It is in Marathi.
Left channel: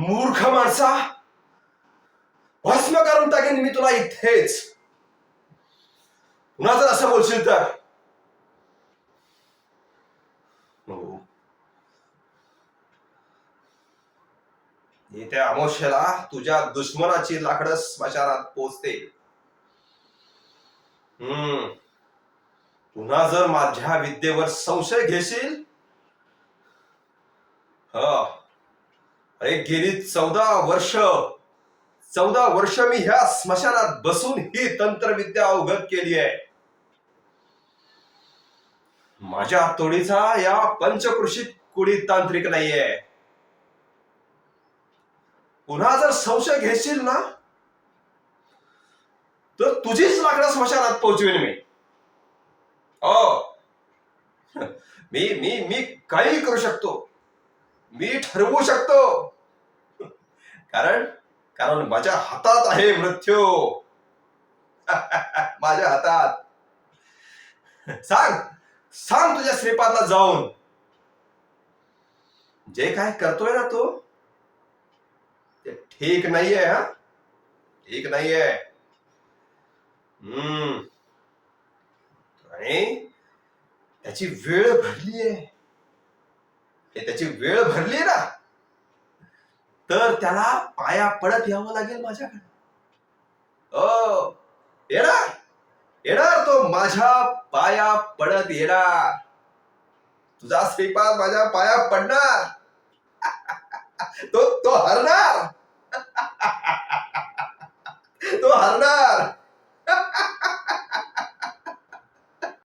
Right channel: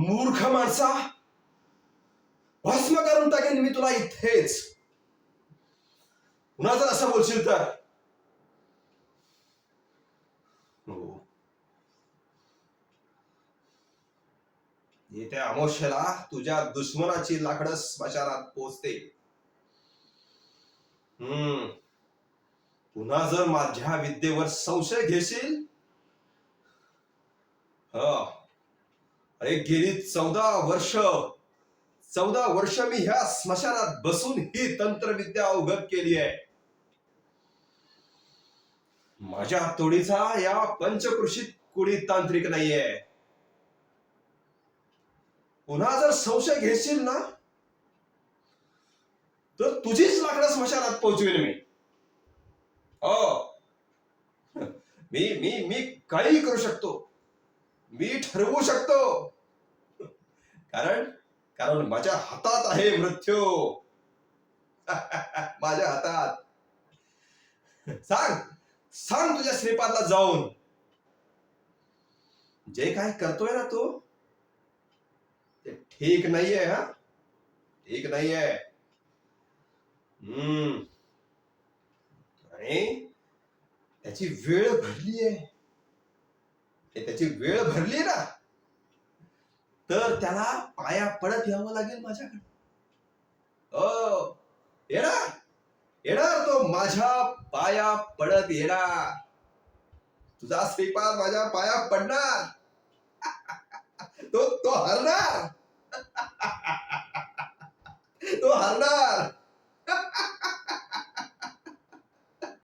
मूर्ख माणसा, भस्म करून टाकेन मी तुला इथेच. पुन्हा जर असं बोलशील तर हो, येत्या अमावस्येला तुझ्या दुश्मनाची लाकडं स्मशानात पोचते. पुन्हा जर माझ्या विद्येवर संशय घेशील, अरे गेली 14 वर्ष मी ह्या स्मशानात बसून ही तंत्रविद्या अवगत केली आहे. माझ्या तोडीचा या पंचकृषीत कुणी तांत्रिक नाहीये. पुन्हा जर संशय घेशील ना, तर तुझीच लाकडं स्मशानात पोहोचवेन मी. हो, मी मी मी काही करू शकतो, मी ठरवू शकतो. कारण कारण माझ्या हातात आहे मृत्यू. माझ्या हातात. सांग सांग तुझ्या श्रीपादला जाऊन, जे काय करतोय ना तो ते ठीक नाहीये. ठीक नाहीये. आणि त्याची वेळ भरलीये. त्याची वेळ भरली ना, तर त्याला पाया पडत यावं लागेल माझ्याकडे. हो, येणार येणार तो माझ्या पाया पडत येणार. तुझा श्रीपाद माझ्या पाया पडणार. तो हरणार. तो हरणार.